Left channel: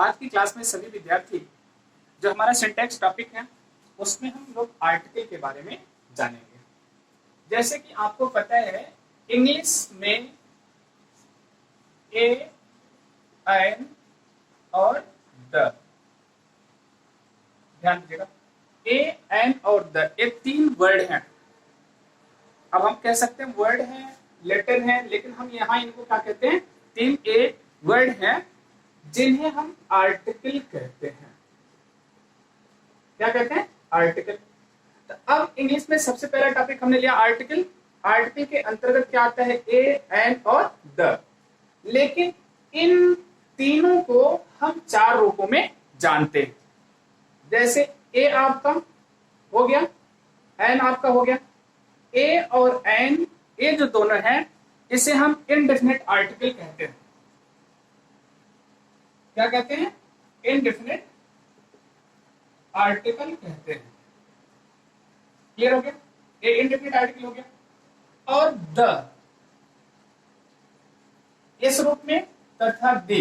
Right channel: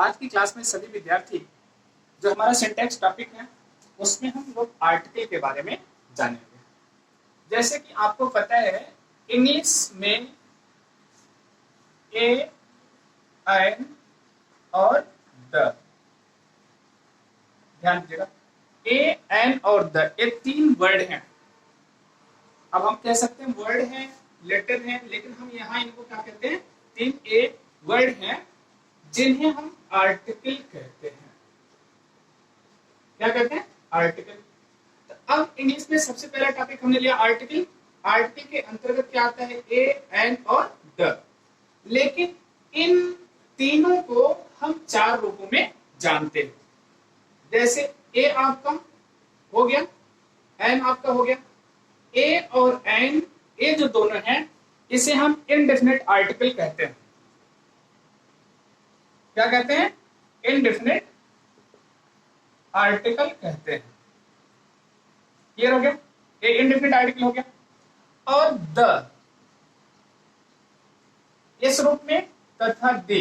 आज की क्लास में सभी विद्यार्थी जो हमारा सिंटैक्स टॉपिक है उसमें हम लोग आर्टिकल के बारे में जानेंगे। जैसे कि आपको पता है इंग्लिश में ए, एन और द, ध्यान दीजिएगा, ए, एन और द, ये तीन वर्ड हैं। अब हम कह सकते हैं वर्ड हैं, लेटर हैं, लेकिन हम यहाँ इनको क्या कहते हैं, तीन ए वर्ड हैं जिन्हें हम आर्टिकल कहते हैं। क्या कहते हैं? आर्टिकल। तो अब इंग्लिश में सबसे पहला टॉपिक हमने लिया आर्टिकल। आर्टिकल के अंतर्गत क्या आता है? ए, एन और द। लेकिन इन तीनों को हम चार रूपों में जानते हैं। जैसे ए आपका हो गया, एन आपका हो गया। ए और एन, ये जो दोनों हैं, इसे हम इनडेफिनेट आर्टिकल कहते हैं। क्या कहते हैं? इनडेफिनेट आर्टिकल कहते हैं। क्लियर हो गया? ये इनडेफिनेट आर्टिकल हो गया। और द, इस रूप में तथा दे,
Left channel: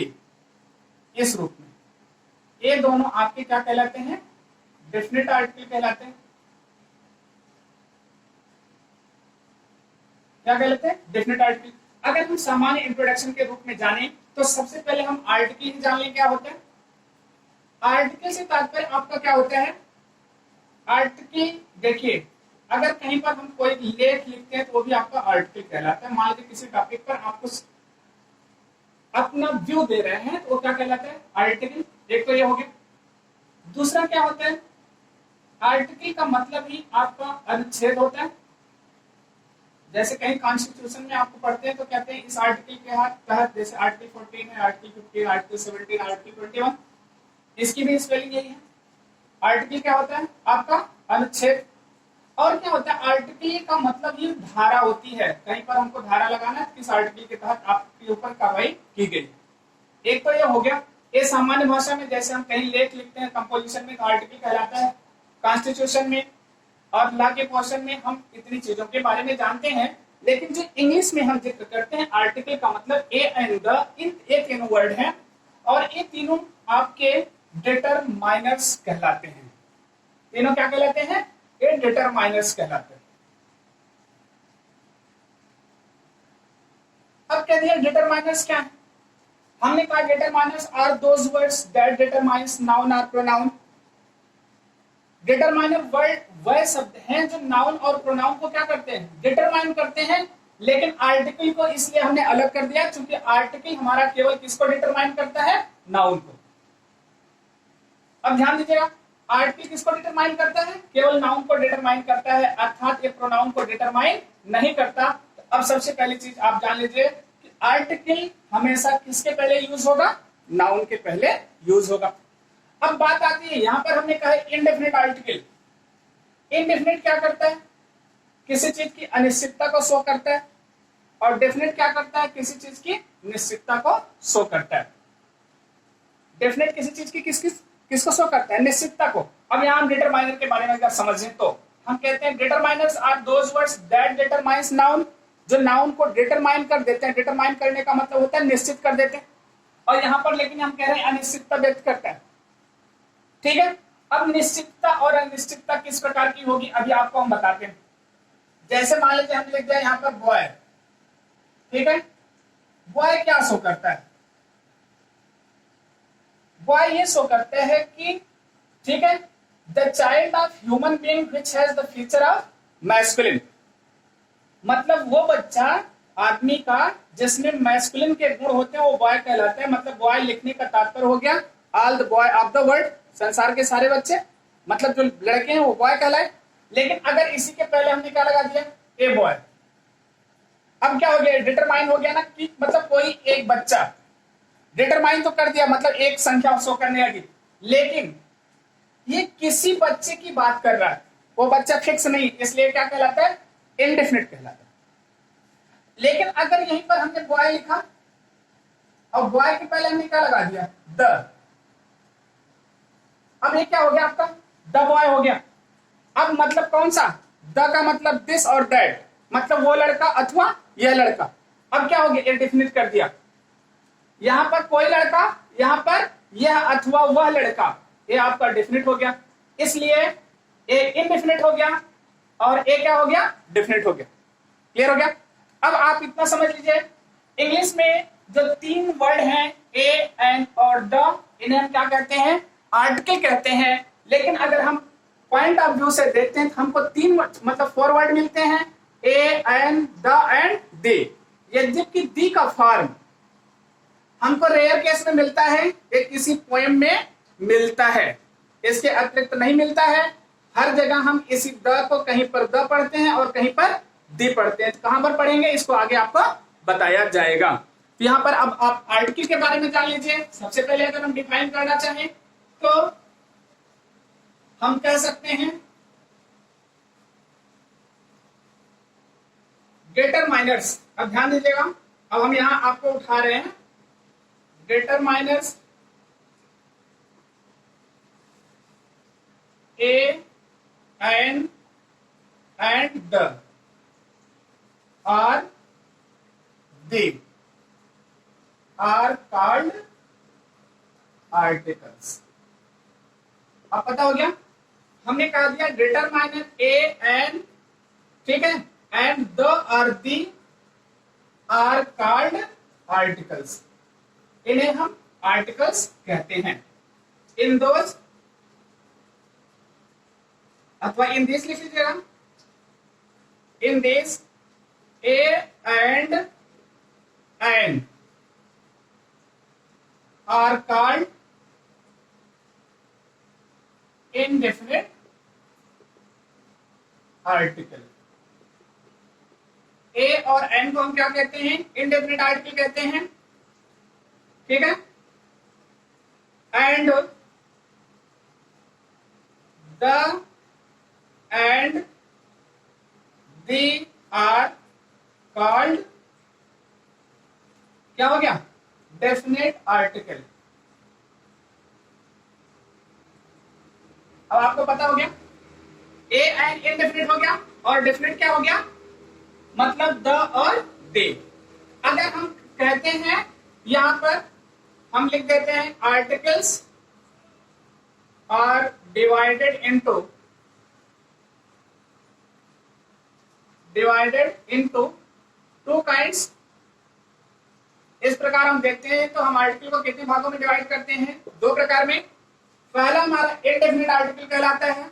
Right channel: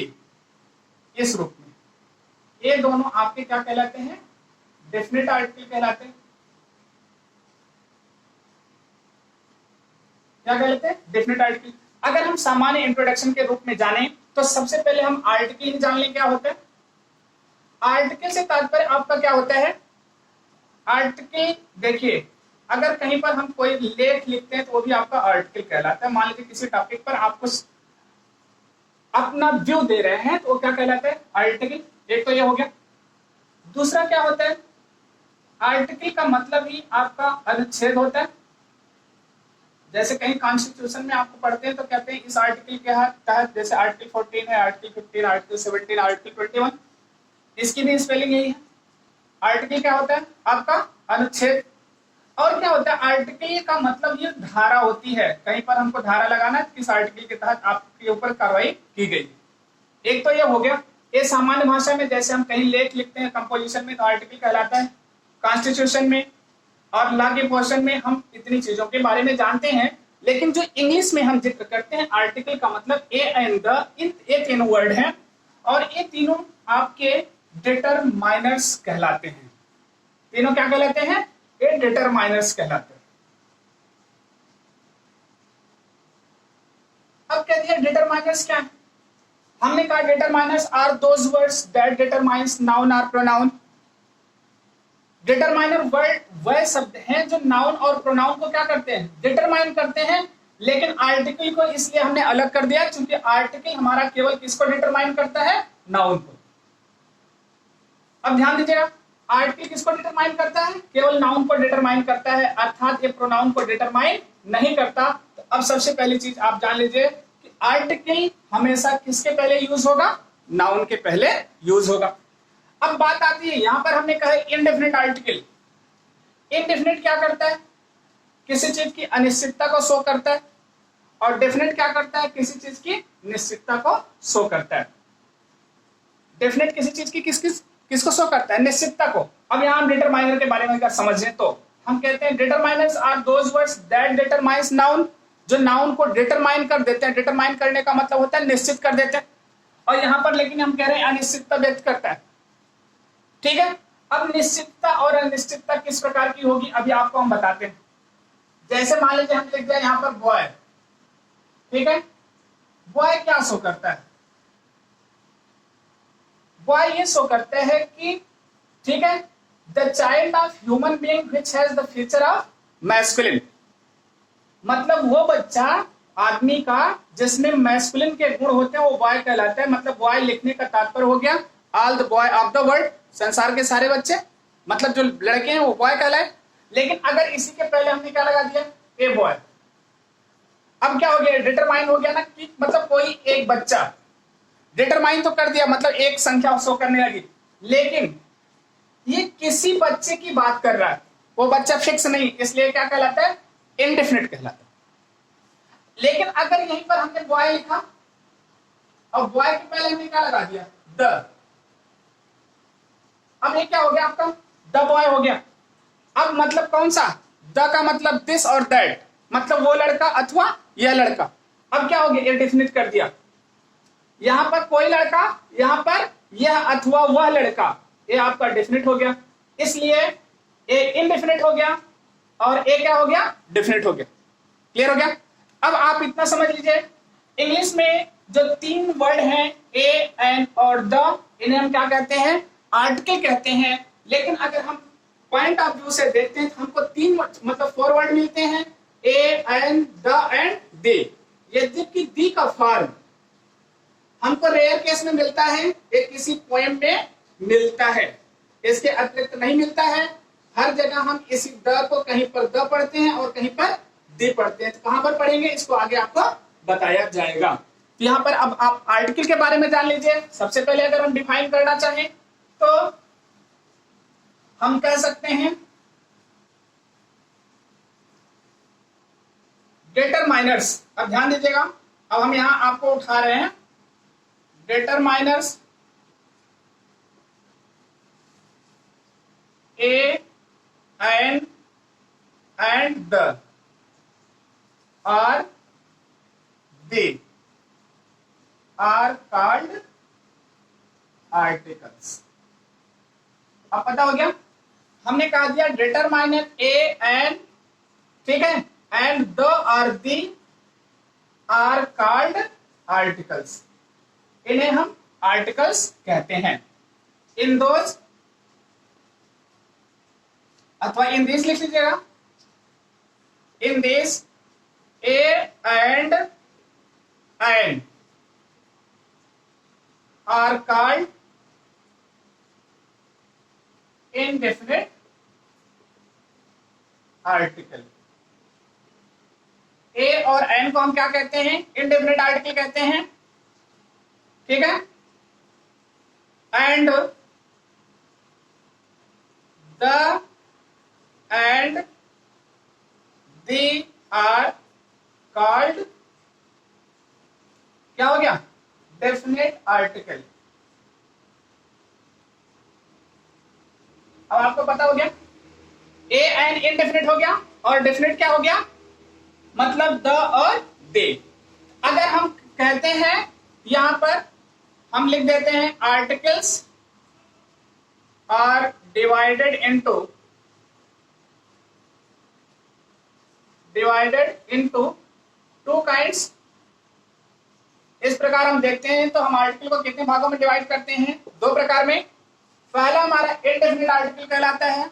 इस रूप में, ये दोनों आपके क्या कहलाते हैं? डेफिनेट आर्टिकल कहलाते हैं। क्या कहलाते हैं? Definite article. अगर हम सामान्य इंट्रोडक्शन के रूप में जाने तो सबसे पहले हम आर्टिकल ही जान लें क्या होता है। आर्टिकल से तात्पर्य आपका क्या होता है? आर्टिकल देखिए, अगर कहीं पर हम कोई लेख लिखते हैं तो वो भी आपका आर्टिकल कहलाता है। मान लीजिए किसी टॉपिक पर आप कुछ अपना व्यू दे रहे हैं तो वो क्या कहलाता है? आर्टिकल। एक तो ये हो गया। दूसरा क्या होता है? आर्टिकल का मतलब ही आपका अनुच्छेद होता है। जैसे कहीं कॉन्स्टिट्यूशन में आपको पढ़ते हैं तो कहते हैं इस आर्टिकल के तहत, जैसे आर्टिकल 14 है, आर्टिकल 15, आर्टिकल 17, आर्टिकल 21, इसकी भी स्पेलिंग यही है। आर्टिकल क्या होता है? आपका अनुच्छेद। और क्या होता है? आर्टिकल का मतलब ये धारा होती है। कहीं पर हमको धारा लगाना है, किस आर्टिकल के तहत आपके ऊपर कार्रवाई की गई। एक तो ये हो गया। ये सामान्य भाषा में जैसे हम कहीं लेख लिखते हैं कंपोजिशन में तो आर्टिकल कहलाता है। कॉन्स्टिट्यूशन में और लॉ के पोर्शन में हम इतनी चीजों के बारे में जानते हैं। लेकिन जो इंग्लिश में हम जिक्र करते हैं आर्टिकल का मतलब ए एंड द, ये तीनों वर्ड हैं और ये तीनों आपके डिटरमाइनर्स कहलाते हैं। तीनों क्या कहलाते हैं? ये डिटरमाइनर्स कहलाते हैं। अब कह दिया डिटरमाइनर्स क्या है? हमने कहा determiners are those words that determines noun और प्रोनाउन। डिटरमाइनर वर्ड वह शब्द हैं जो नाउन और प्रोनाउन को क्या करते हैं? डिटरमाइन करते हैं। लेकिन आर्टिकल को इसलिए हमने अलग कर दिया क्योंकि आर्टिकल हमारा केवल किसको डिटरमाइन करता है? नाउन को। अब ध्यान दीजिएगा, आर्टिकल किसको डिटरमाइन करता है? केवल नाउन को डिटरमाइन करता है, अर्थात ये प्रोनाउन को डिटरमाइन नहीं करता। तो अब सबसे पहली चीज आप जान लीजिए कि आर्टिकल हमेशा किसके पहले यूज होगा? नाउन के पहले यूज होगा। अब बात आती है, यहां पर हमने कहा इनडेफिनेट आर्टिकल। इनडेफिनेट क्या करता है? किसी चीज की अनिश्चितता को शो करता है। और डेफिनेट क्या करता है? किसी चीज की निश्चितता को शो करता है। डेफिनेट किसी चीज की किसको शो करता है? निश्चितता को। अब यहां हम डिटरमाइनर के बारे में अगर समझें तो हम कहते हैं determiners are those words that determines noun, जो नाउन को डिटरमाइन कर देते हैं। डिटरमाइन करने का मतलब होता है निश्चित कर देते हैं। और यहां पर लेकिन हम कह रहे हैं अनिश्चितता व्यक्त करता है। ठीक है। अब निश्चितता और अनिश्चितता किस प्रकार की होगी अभी आपको हम बताते हैं। जैसे मान लीजिए हम लिख दिया यहां पर बॉय। ठीक है। बॉय क्या शो करता है? बॉय ये शो करता है कि, ठीक है, the child of human being which has the feature of masculine. मतलब वो बच्चा आदमी का जिसमें मैस्कुलिन के गुण होते हैं वो बॉय कहलाता है। मतलब बॉय लिखने का तात्पर्य हो गया all the boy of the world, संसार के सारे बच्चे, मतलब जो लड़के हैं वो बॉय कहलाए। लेकिन अगर इसी के पहले हमने क्या लगा दिया? A boy. अब क्या हो गया? डिटरमाइन हो गया ना, कि मतलब कोई एक बच्चा। डिटरमाइन तो कर दिया, मतलब एक संख्या शो करने लगी। लेकिन ये किसी बच्चे की बात कर रहा है, वो बच्चा फिक्स नहीं, इसलिए क्या कहलाता है? इनडेफिनिट कहलाता है। लेकिन अगर यहीं पर हमने बॉय लिखा और बॉय के पहले हमने क्या लगा दिया? द। अब ये क्या हो गया आपका? द बॉय हो गया। अब मतलब कौन सा? द का मतलब दिस और दैट, मतलब वो लड़का अथवा यह लड़का। अब क्या हो गया? ये डेफिनिट कर दिया। यहां पर कोई लड़का, यहां पर यह अथवा वह लड़का, ये आपका डेफिनेट हो गया, इसलिए ए इनडेफिनेट हो गया और ए क्या हो गया, डेफिनेट हो गया। क्लियर हो गया। अब आप इतना समझ लीजिए, इंग्लिश में जो 3 वर्ड हैं ए, एन और द, इन्हें हम क्या कहते हैं, आर्टिकल कहते हैं। लेकिन अगर हम पॉइंट ऑफ व्यू से देखते हैं तो हमको 3 मतलब 4 वर्ड मिलते हैं, ए, एन, द एंड दे। यद्यपि दी का फॉर्म हमको रेयर केस में मिलता है, ये किसी पोएम में मिलता है, इसके अतिरिक्त नहीं मिलता है। हर जगह हम इसी द को कहीं पर द पढ़ते हैं और कहीं पर दी पढ़ते हैं। तो कहां पर पढ़ेंगे इसको आगे आपको बताया जाएगा। तो यहाँ पर अब आप आर्टिकल के बारे में जान लीजिए। सबसे पहले अगर हम डिफाइन करना चाहें तो हम कह सकते हैं डिटरमाइनर्स। अब ध्यान दीजिएगा, अब हम यहां आपको उठा रहे हैं determiners a, an and the are they are called articles. अब पता हो गया, हमने कहा दिया डिटरमाइनर ए, एन, ठीक है, एंड द और दी आर कॉल्ड आर्टिकल्स। इन्हें हम आर्टिकल्स कहते हैं। इन दोज अथवा इन दिस लिख लीजिएगा, in this A and an are called indefinite article. A और एन को हम क्या कहते हैं, इनडेफिनिट आर्टिकल कहते हैं, ठीक है। And the and the are called क्या हो गया, डेफिनेट आर्टिकल। अब आपको पता हो गया ए एन इनडेफिनिट हो गया और डेफिनेट क्या हो गया, मतलब द और दे। अगर हम कहते हैं यहां पर हम लिख देते हैं articles are divided into 2 kinds. इस प्रकार हम देखते हैं तो हम आर्टिकल को कितने भागों में डिवाइड करते हैं, 2 प्रकार में। पहला हमारा इनडेफिनिट आर्टिकल कहलाता है,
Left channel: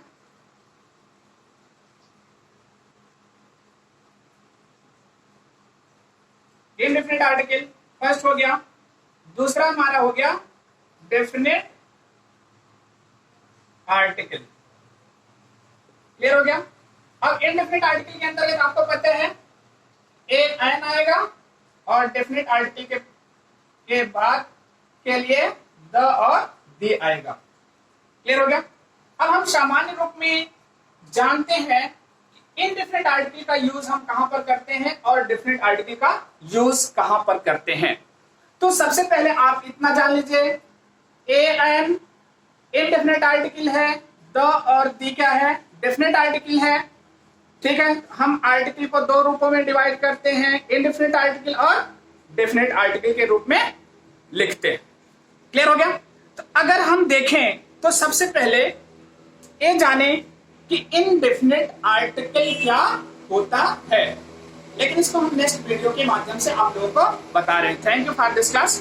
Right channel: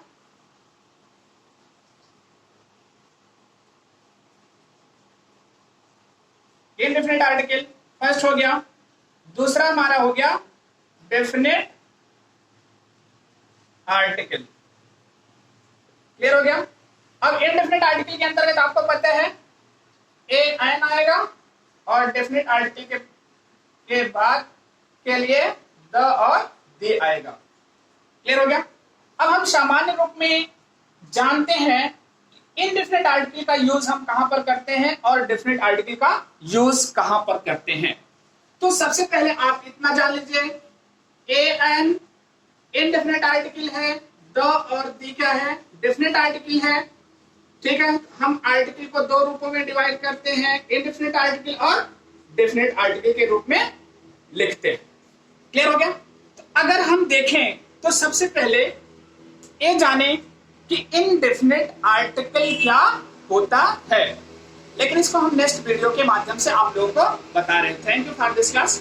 इनडेफिनिट आर्टिकल फर्स्ट हो गया। दूसरा हमारा हो गया डेफिनेट आर्टिकल। क्लियर हो गया। अब इनडेफिनिट आर्टिकल के अंतर्गत आपको पता है ए एन आएगा और डेफिनेट आर्टिकल के बाद के लिए द और दे आएगा। क्लियर हो गया। अब हम सामान्य रूप में जानते हैं इनडेफिनिट आर्टिकल का यूज हम कहां पर करते हैं और डेफिनेट आर्टिकल का यूज कहां पर करते हैं। तो सबसे पहले आप इतना जान लीजिए, ए एन इनडेफिनिट आर्टिकल है, द और दी क्या है, डेफिनेट आर्टिकल है, ठीक है। हम आर्टिकल को 2 रूपों में डिवाइड करते हैं, इनडेफिनिट आर्टिकल और डेफिनेट आर्टिकल के रूप में लिखते हैं। क्लियर हो गया। तो अगर हम देखें तो सबसे पहले ये जाने कि इनडेफिनेट आर्टिकल क्या होता है, लेकिन इसको हम नेक्स्ट वीडियो के माध्यम से आप लोगों को बता रहे हैं। Thank you for this class.